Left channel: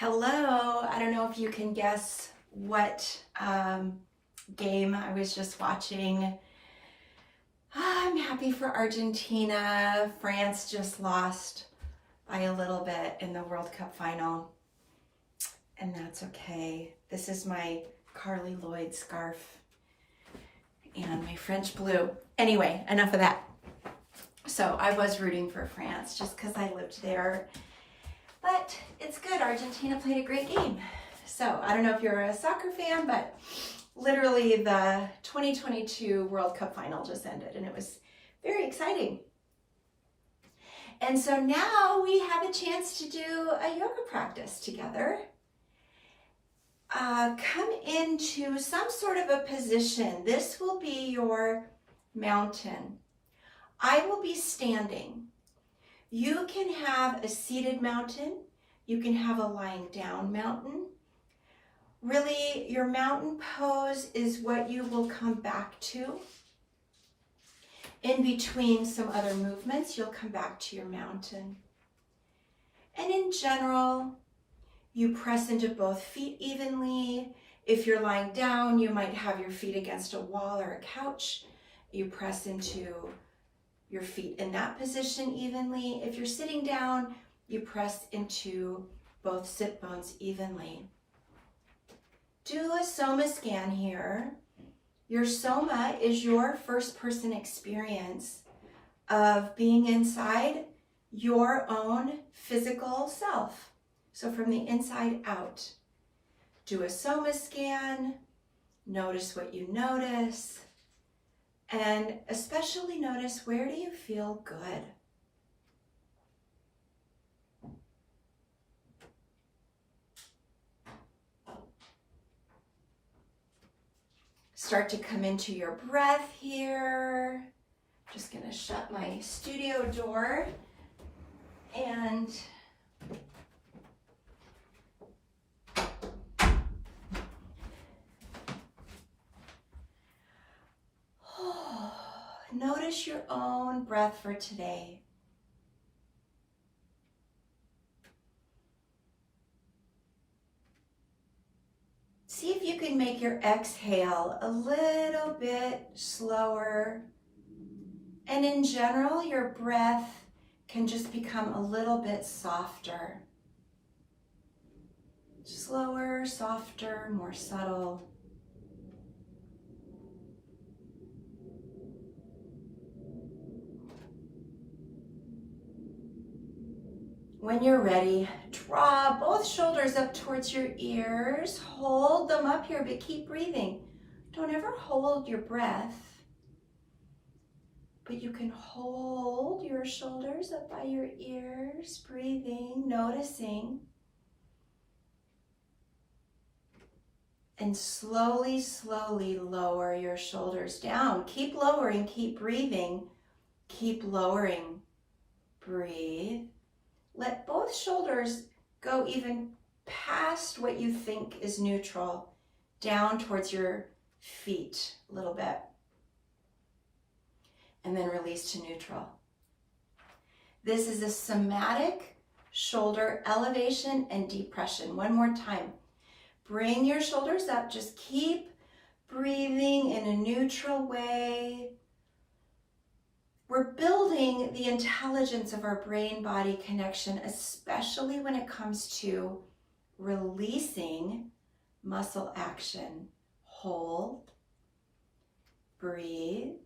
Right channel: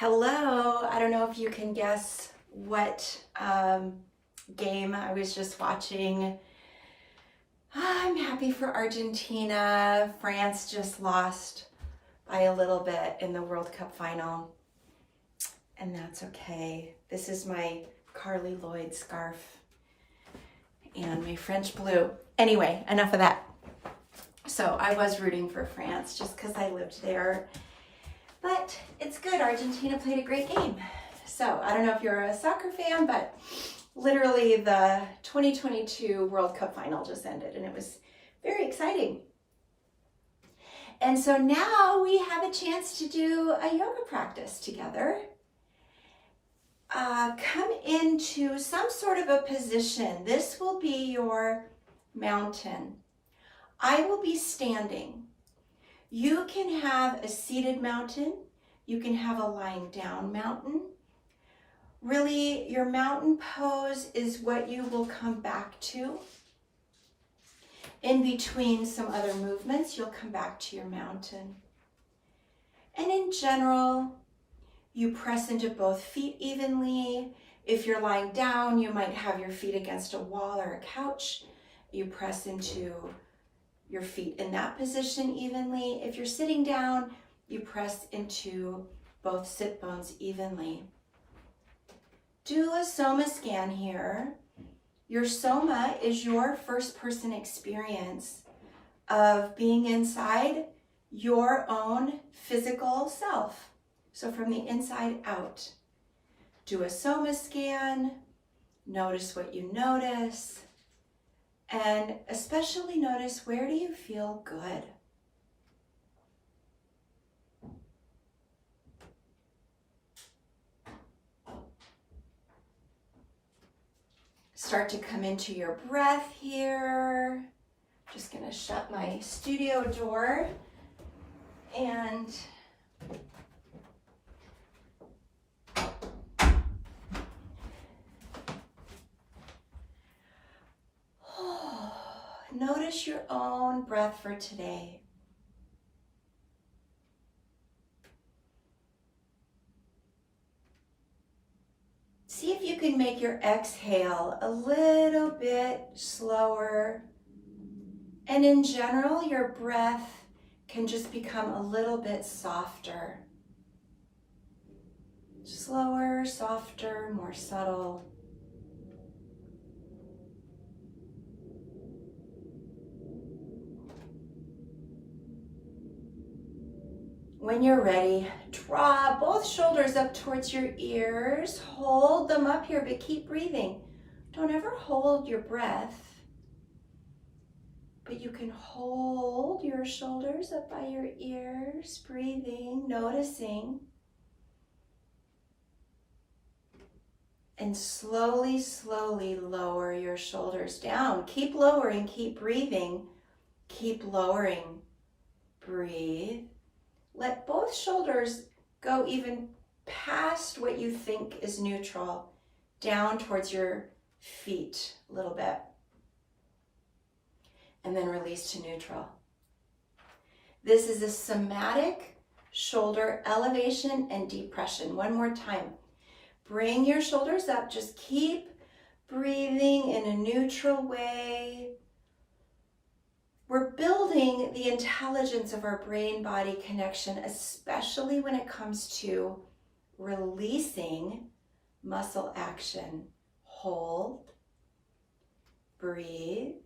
Hello, I don't know if you can guess what game I was just watching. I'm happy for Argentina. France just lost by a little bit in the World Cup final, and that's okay. This is my Carly Lloyd scarf and my French blue. Anyway, enough of that. So I was rooting for France just because I lived there. But it's good. Argentina played a great game. So I don't know if you're a soccer fan, but literally the 2022 World Cup final just ended and it was very exciting. And so now we have a chance to do a yoga practice together. Come into some sort of a position. This will be your mountain. I will be standing. You can have a seated mountain. You can have a lying down mountain. Really, your mountain pose is what you will come back to. In between some other movements, you'll come back to your mountain. And in general, you press into both feet evenly. If you're lying down, you might have your feet against a wall or a couch. You press into your feet in that position evenly. If you're sitting down, you press into both sit bones evenly. Do a soma scan here. Your soma is your first person experience of being inside your own physical self. So from the inside out. Do a soma scan. Notice what you notice. And especially notice, where do you feel good? Start to come into your breath here. Just gonna shut my studio door and notice your own breath for today. See if you can make your exhale a little bit slower. And in general, your breath can just become a little bit softer. Slower, softer, more subtle. When you're ready, draw both shoulders up towards your ears. Hold them up here, but keep breathing. Don't ever hold your breath, but you can hold your shoulders up by your ears, breathing, noticing. And slowly, slowly lower your shoulders down. Keep lowering, keep breathing, keep lowering. Breathe. Let both shoulders go even past what you think is neutral, down towards your feet a little bit. And then release to neutral. This is a somatic shoulder elevation and depression. One more time. Bring your shoulders up. Just keep breathing in a neutral way. We're building the intelligence of our brain-body connection, especially when it comes to releasing muscle action. Hold, breathe.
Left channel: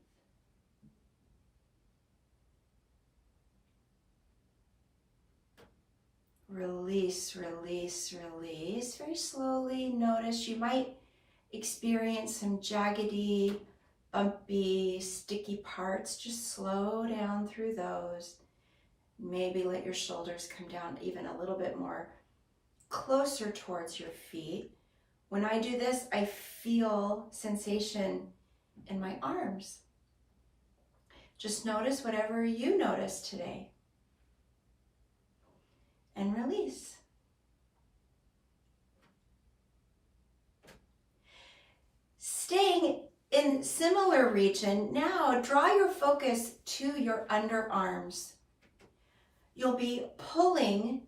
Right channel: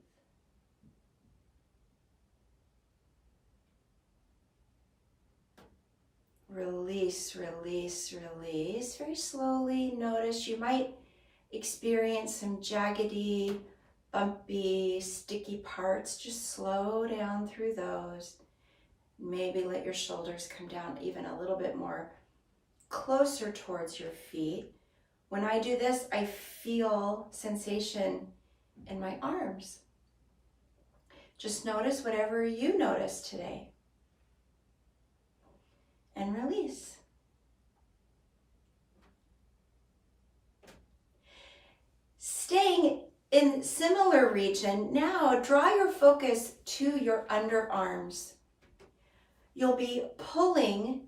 Release, release, release. Very slowly. Notice you might experience some jaggedy, bumpy, sticky parts. Just slow down through those. Maybe let your shoulders come down even a little bit more closer towards your feet. When I do this, I feel sensation in my arms. Just notice whatever you notice today. And release. Staying in similar region, now draw your focus to your underarms. You'll be pulling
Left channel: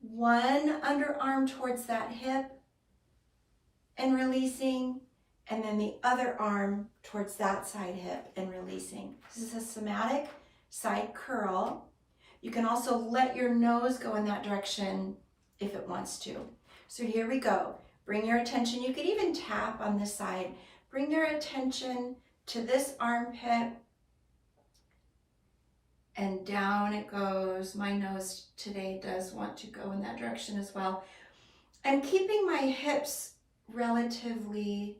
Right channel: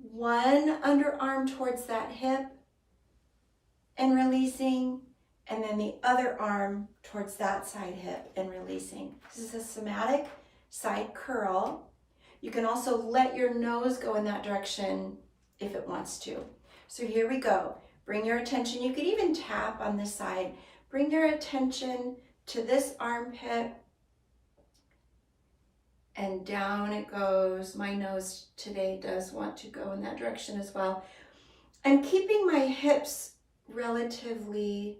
One underarm towards that hip and releasing, and then the other arm towards that side hip and releasing. This is a somatic side curl. You can also let your nose go in that direction if it wants to. So here we go. Bring your attention, you could even tap on this side. Bring your attention to this armpit, and down it goes. My nose today does want to go in that direction as well. I'm keeping my hips relatively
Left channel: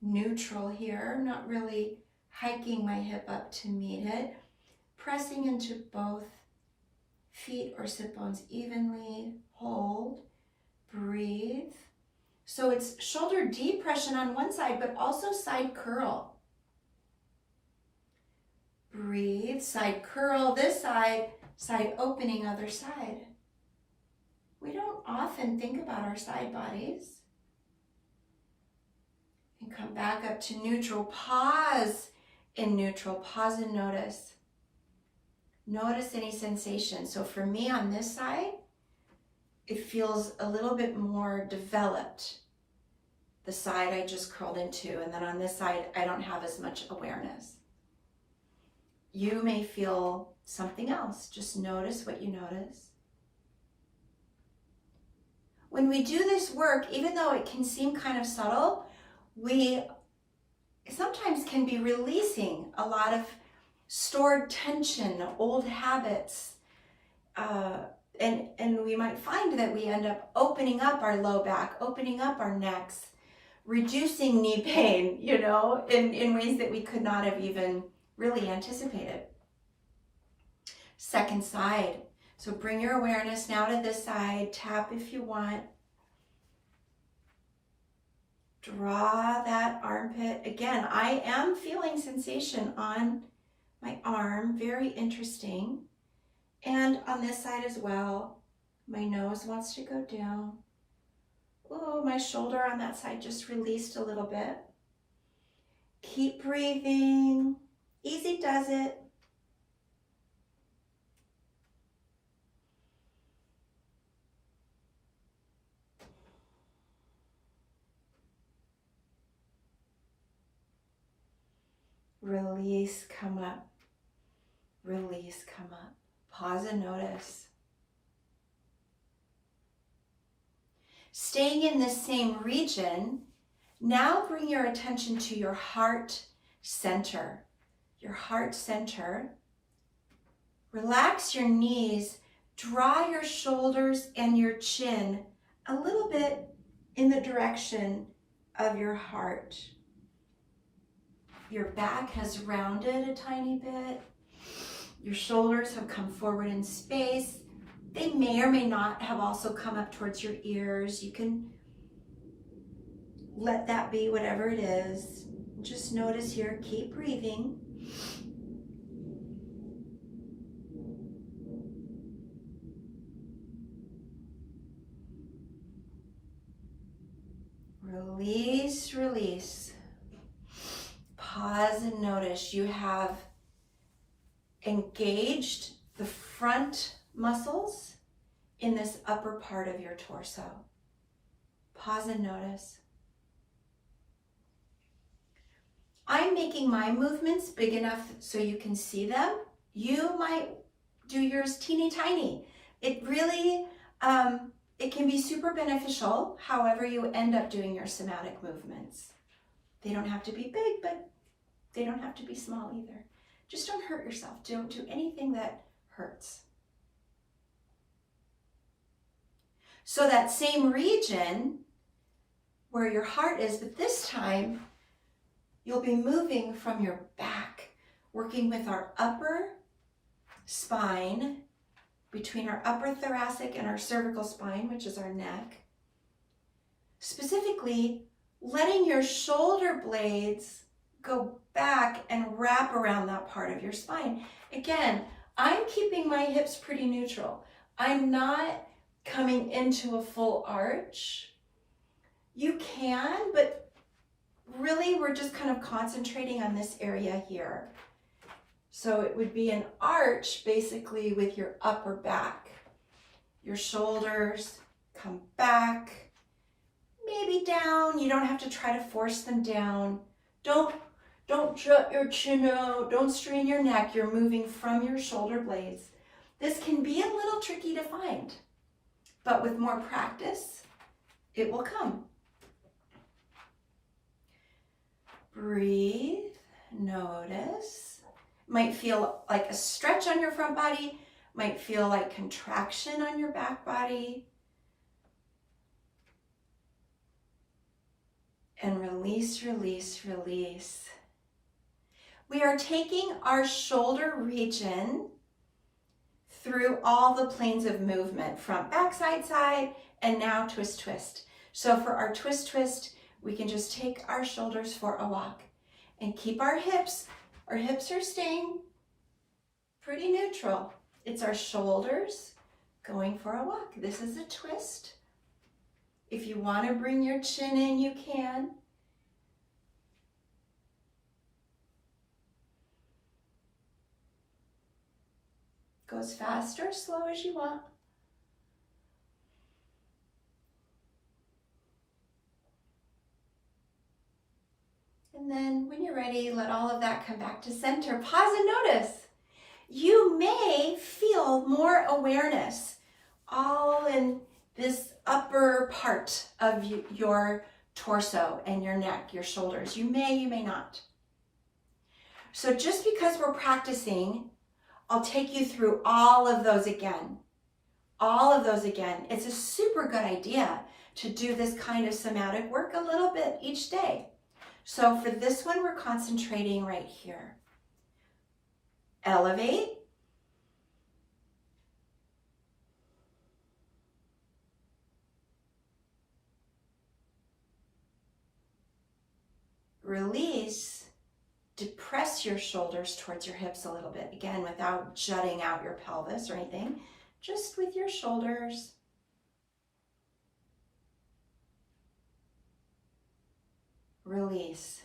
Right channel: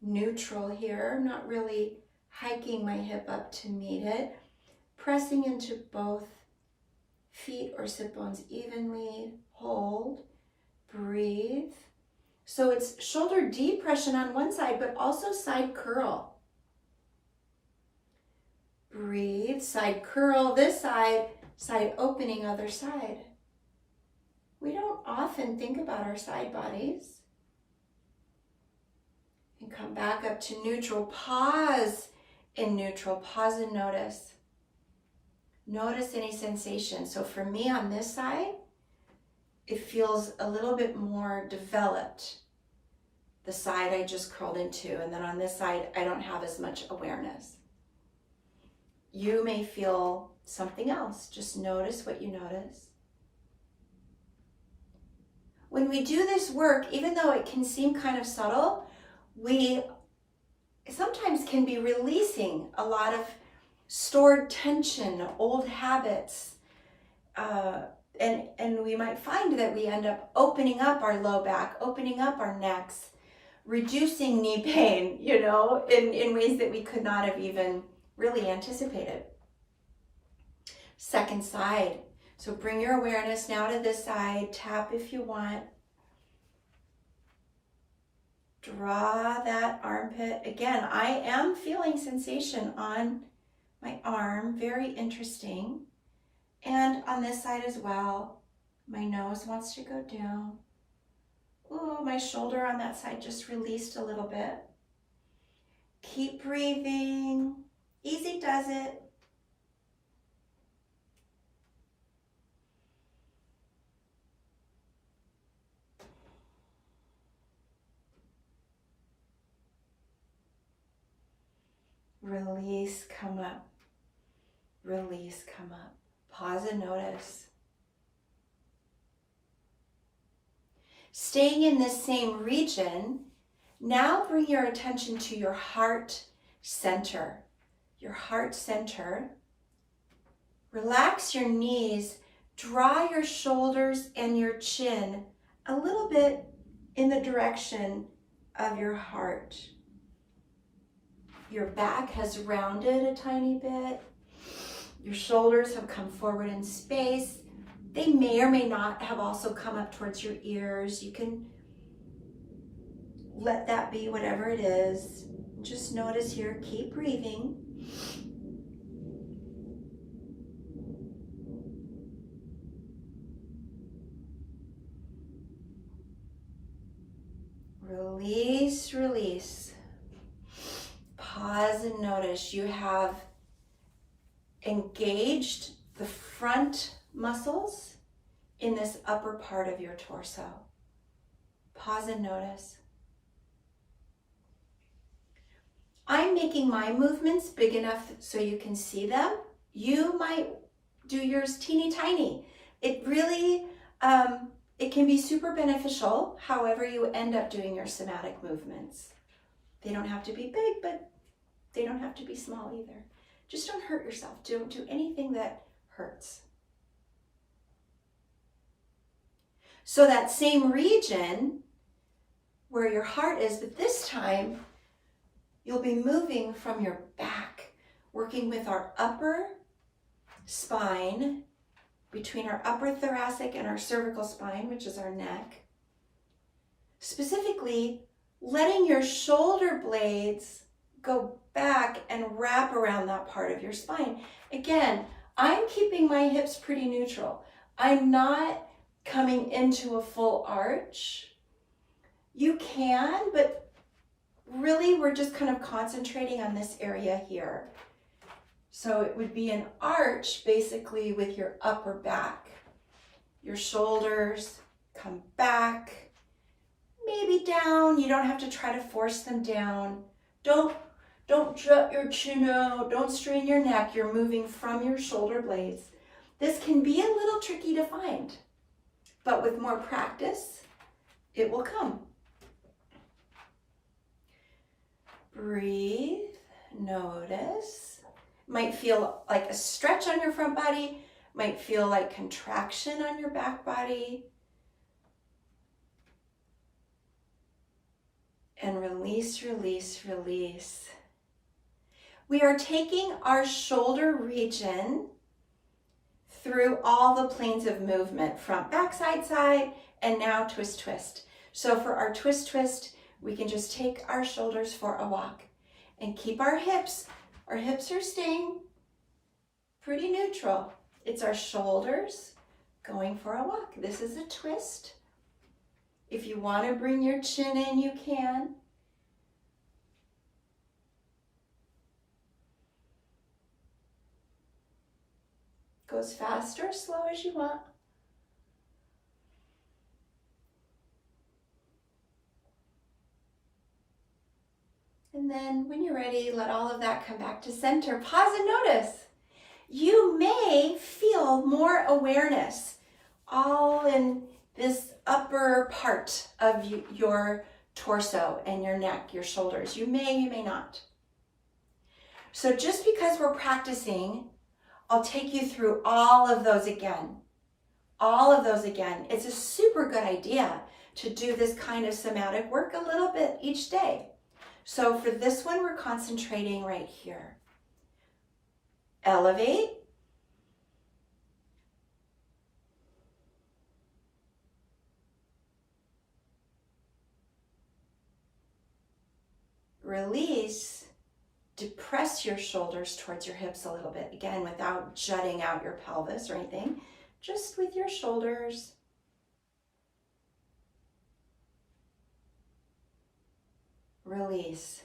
neutral here. I'm not really hiking my hip up to meet it. Pressing into both feet or sit bones evenly. Hold, breathe. So it's shoulder depression on one side, but also side curl. Breathe, side curl this side, side opening other side. We don't often think about our side bodies. And come back up to neutral. Pause in neutral. Pause and notice. Notice any sensation. So for me on this side, it feels a little bit more developed, the side I just curled into. And then on this side, I don't have as much awareness. You may feel something else. Just notice what you notice. When we do this work, even though it can seem kind of subtle, we sometimes can be releasing a lot of stored tension, old habits, and we might find that we end up opening up our low back, opening up our necks, reducing knee pain, in ways that we could not have even really anticipated. Second side. So bring your awareness now to this side. Tap if you want. Draw that armpit. Again, I am feeling sensation on my arm. Very interesting. And on this side as well. My nose wants to go down. Oh, my shoulder on that side just released a little bit. Keep breathing. Easy does it. Release, come up. Release, come up. Pause and notice. Staying in this same region, now bring your attention to your heart center. Your heart center. Relax your knees. Draw your shoulders and your chin a little bit in the direction of your heart. Your back has rounded a tiny bit. Your shoulders have come forward in space. They may or may not have also come up towards your ears. You can let that be whatever it is. Just notice here, keep breathing. Release, release. Pause and notice you have engaged the front muscles in this upper part of your torso. Pause and notice. I'm making my movements big enough so you can see them. You might do yours teeny tiny. It really, it can be super beneficial however you end up doing your somatic movements. They don't have to be big, but they don't have to be small either. Just don't hurt yourself. Don't do anything that hurts. So that same region where your heart is, but this time you'll be moving from your back, working with our upper spine, between our upper thoracic and our cervical spine, which is our neck. Specifically, letting your shoulder blades go back and wrap around that part of your spine. Again, I'm keeping my hips pretty neutral. I'm not coming into a full arch. You can, but really we're just kind of concentrating on this area here. So it would be an arch basically with your upper back. your shoulders, come back, maybe down. You don't have to try to force them down. Don't jut your chin out. Don't strain your neck. You're moving from your shoulder blades. This can be a little tricky to find, but with more practice, it will come. Breathe, notice. Might feel like a stretch on your front body, might feel like contraction on your back body. And release, release, release. We are taking our shoulder region through all the planes of movement, front, back, side, side, and now twist, twist. So for our twist, twist, we can just take our shoulders for a walk and keep our hips. Our hips are staying pretty neutral. It's our shoulders going for a walk. This is a twist. If you want to bring your chin in, you can. Go as fast or slow as you want. And then when you're ready, let all of that come back to center. Pause and notice. You may feel more awareness all in this upper part of your torso and your neck, your shoulders. You may not. So just because we're practicing, I'll take you through all of those again. All of those again. It's a super good idea to do this kind of somatic work a little bit each day. So for this one, we're concentrating right here. Elevate. Release. Depress your shoulders towards your hips a little bit. Again, without jutting out your pelvis or anything, just with your shoulders. Release.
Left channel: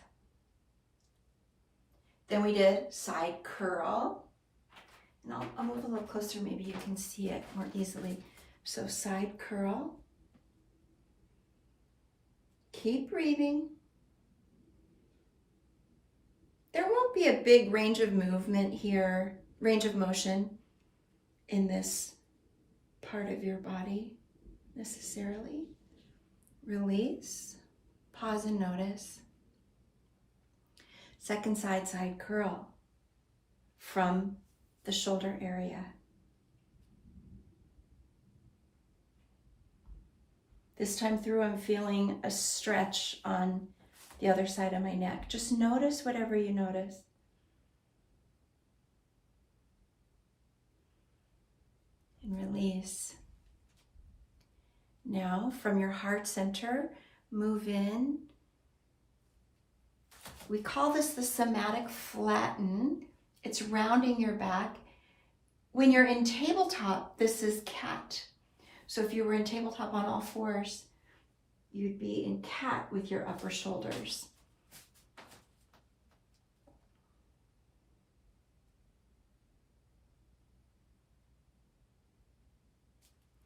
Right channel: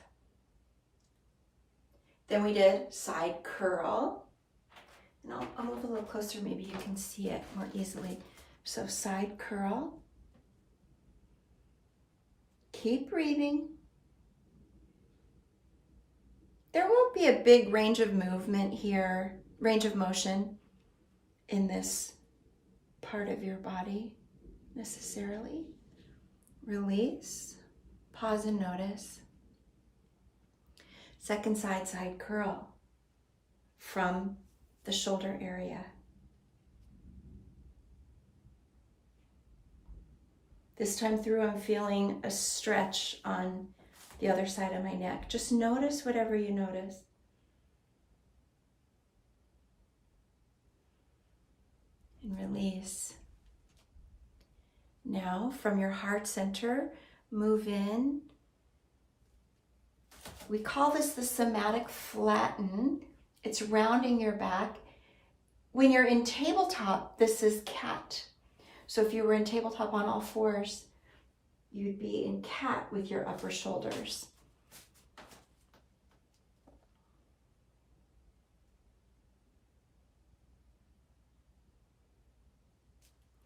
Then we did side curl. And I'll move a little closer, maybe you can see it more easily. So side curl. Keep breathing. There won't be a big range of movement here, range of motion in this part of your body necessarily. Release, pause and notice. Second side, side curl from the shoulder area. This time through, I'm feeling a stretch on the other side of my neck. Just notice whatever you notice. And release. Now, from your heart center, move in. We call this the somatic flatten. It's rounding your back. When you're in tabletop, this is cat. So if you were in tabletop on all fours, you'd be in cat with your upper shoulders.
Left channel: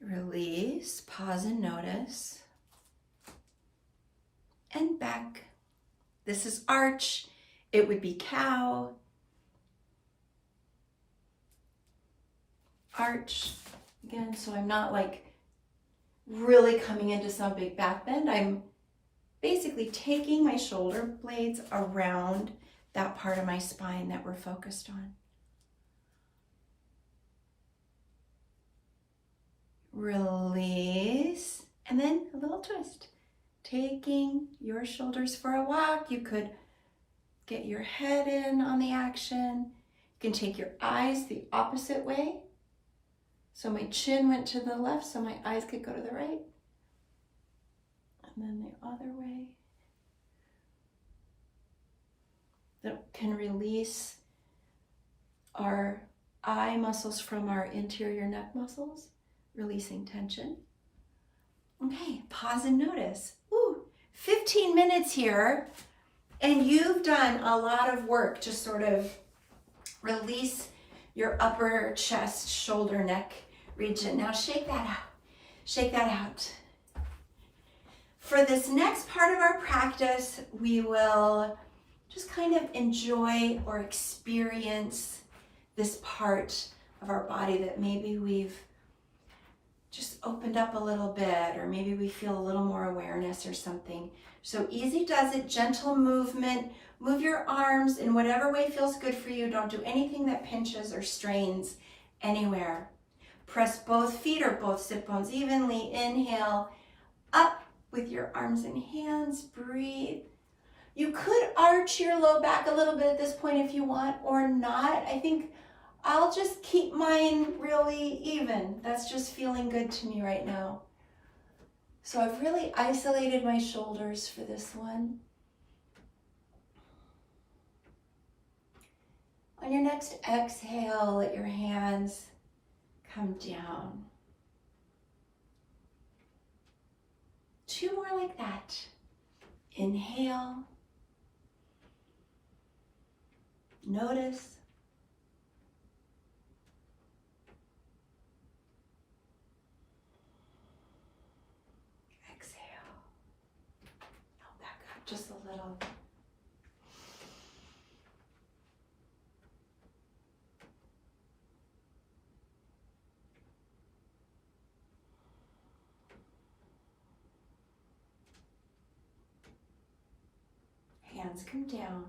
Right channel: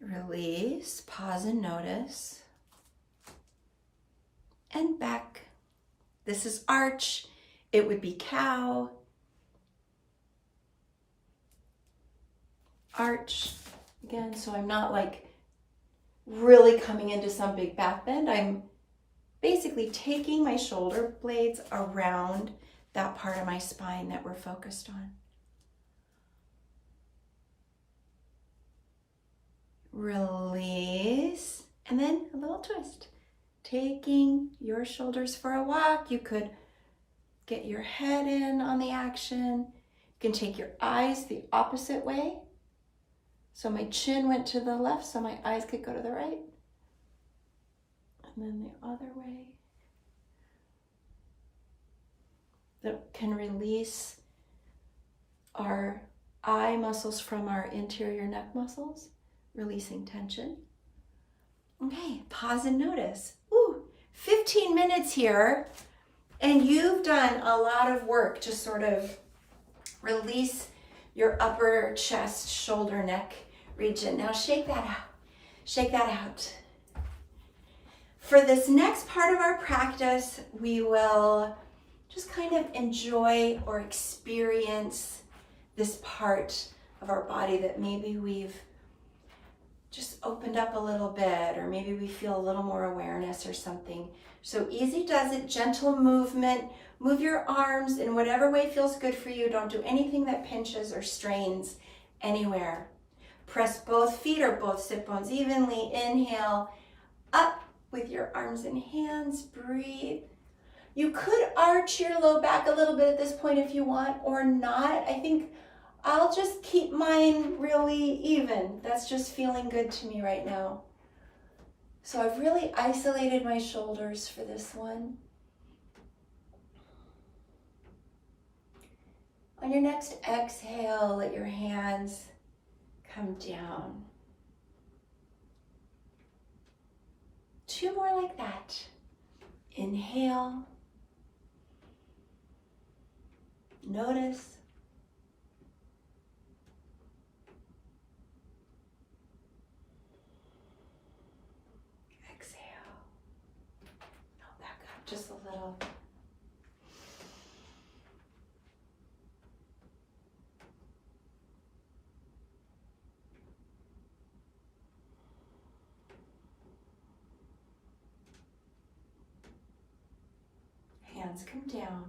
Release, pause and notice. And back. This is arch. It would be cow. Arch. Again, so I'm not like really coming into some big back bend. I'm basically taking my shoulder blades around that part of my spine that we're focused on. Release, and then a little twist. Taking your shoulders for a walk. You could get your head in on the action. You can take your eyes the opposite way. So my chin went to the left, so my eyes could go to the right. And then the other way. That can release our eye muscles from our interior neck muscles, releasing tension. Okay, pause and notice. Ooh, 15 minutes here, and you've done a lot of work to sort of release your upper chest, shoulder, neck region. Now shake that out. Shake that out. For this next part of our practice, we will just kind of enjoy or experience this part of our body that maybe we've just opened up a little bit, or maybe we feel a little more awareness or something. So easy does it, gentle movement. Move your arms in whatever way feels good for you. Don't do anything that pinches or strains anywhere. Press both feet or both sit bones evenly. Inhale, up with your arms and hands. Breathe. You could arch your low back a little bit at this point if you want, or not. I think I'll just keep mine really even. That's just feeling good to me right now. So I've really isolated my shoulders for this one. On your next exhale, let your hands come down. 2 more like that. Inhale. Notice. Exhale. Now back up just a little. Hands come down.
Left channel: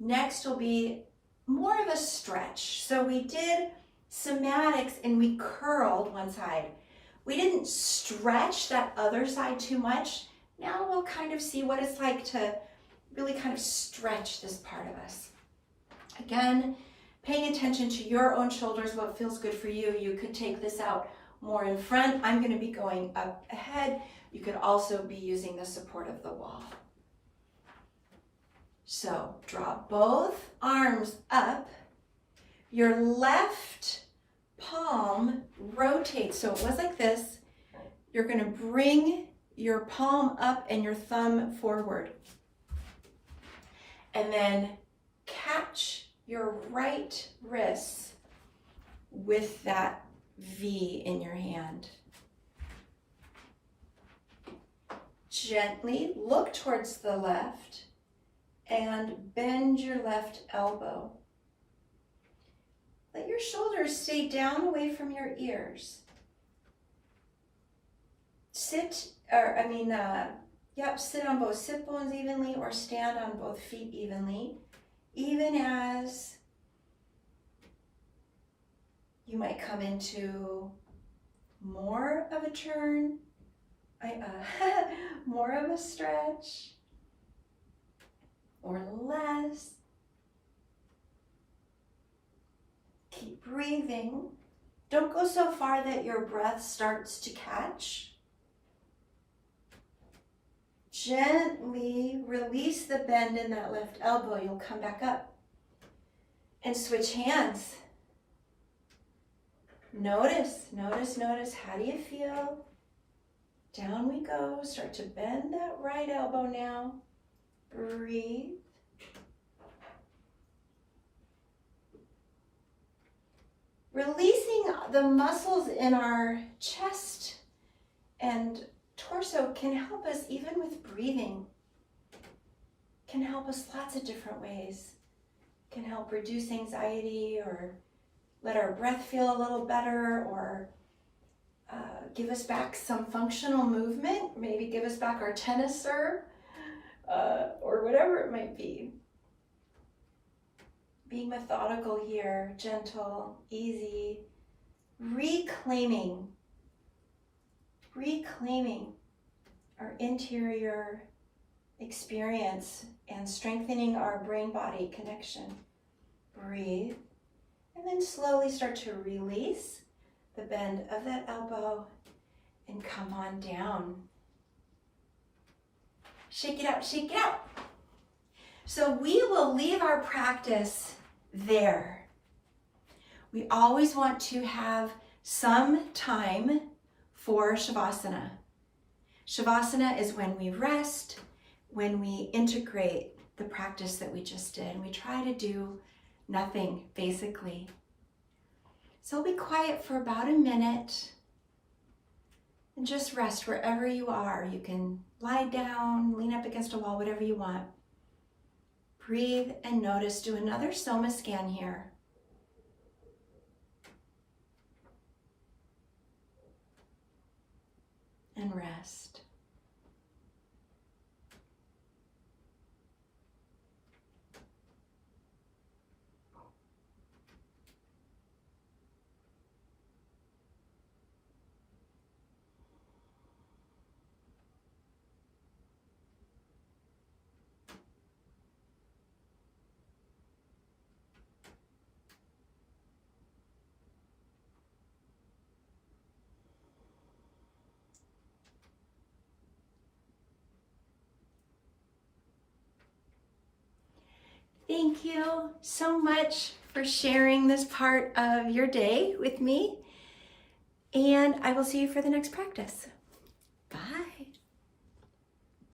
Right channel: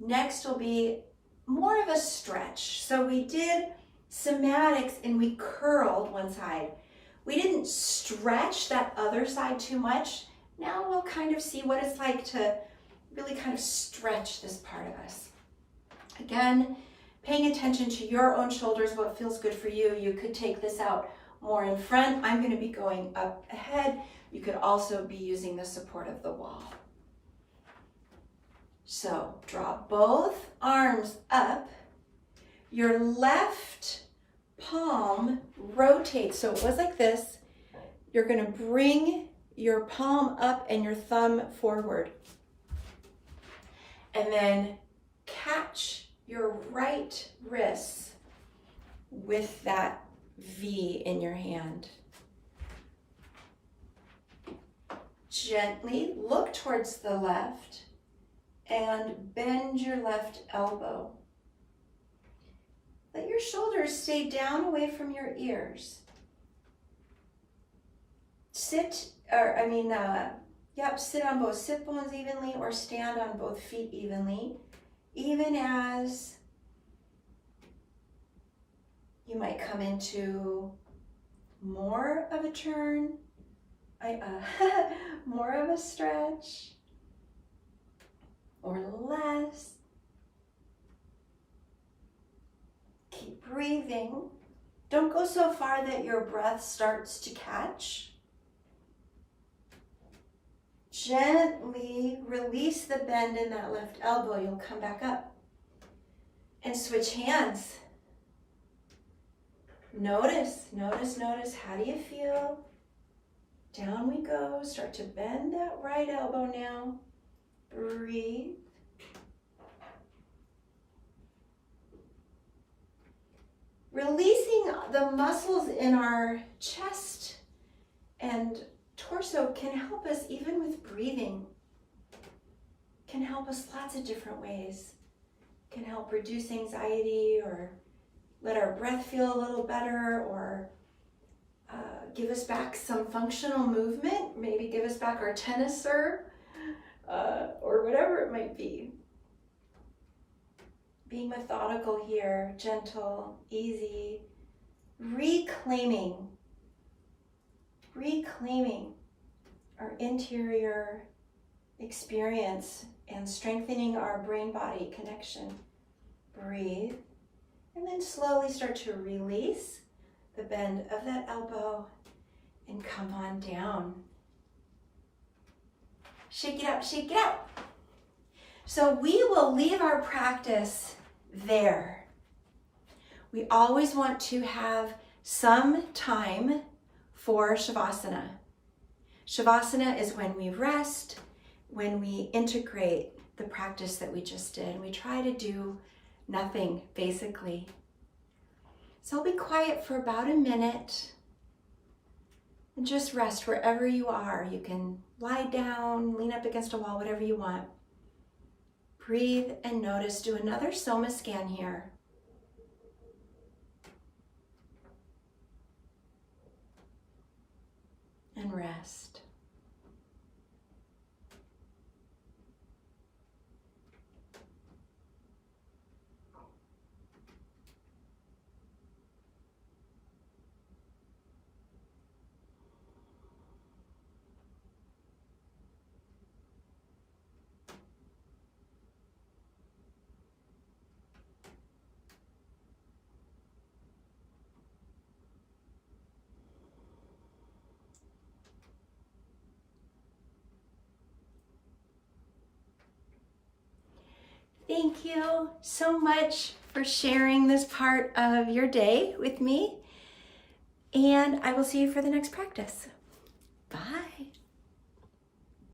Next will be more of a stretch. So we did somatics and we curled one side. We didn't stretch that other side too much. Now we'll kind of see what it's like to really kind of stretch this part of us. Again, paying attention to your own shoulders, what feels good for you. You could take this out more in front. I'm going to be going up ahead. You could also be using the support of the wall. So draw both arms up. Your left palm rotates. So it was like this. You're going to bring your palm up and your thumb forward. And then catch your right wrist with that V in your hand. Gently look towards the left and bend your left elbow. Let your shoulders stay down away from your ears. Sit on both sit bones evenly or stand on both feet evenly, even as you might come into more of a turn, more of a stretch, or less. Keep breathing. Don't go so far that your breath starts to catch. Gently release the bend in that left elbow. You'll come back up and switch hands. Notice, how do you feel? Down we go. Start to bend that right elbow now. Breathe. Releasing the muscles in our chest and torso can help us even with breathing. Can help us lots of different ways. Can help reduce anxiety or let our breath feel a little better, or give us back some functional movement, maybe give us back our tennis serve, or whatever it might be. Being methodical here, gentle, easy, reclaiming our interior experience and strengthening our brain-body connection. Breathe, and then slowly start to release the bend of that elbow and come on down. Shake it out, shake it out. So we will leave our practice there. We always want to have some time for Shavasana. Shavasana is when we rest, when we integrate the practice that we just did. We try to do nothing, basically. So be quiet for about a minute and just rest wherever you are. You can lie down, lean up against a wall, whatever you want. Breathe and notice. Do another Soma scan here. And rest. Thank you so much for sharing this part of your day with me, and I will see you for the next practice.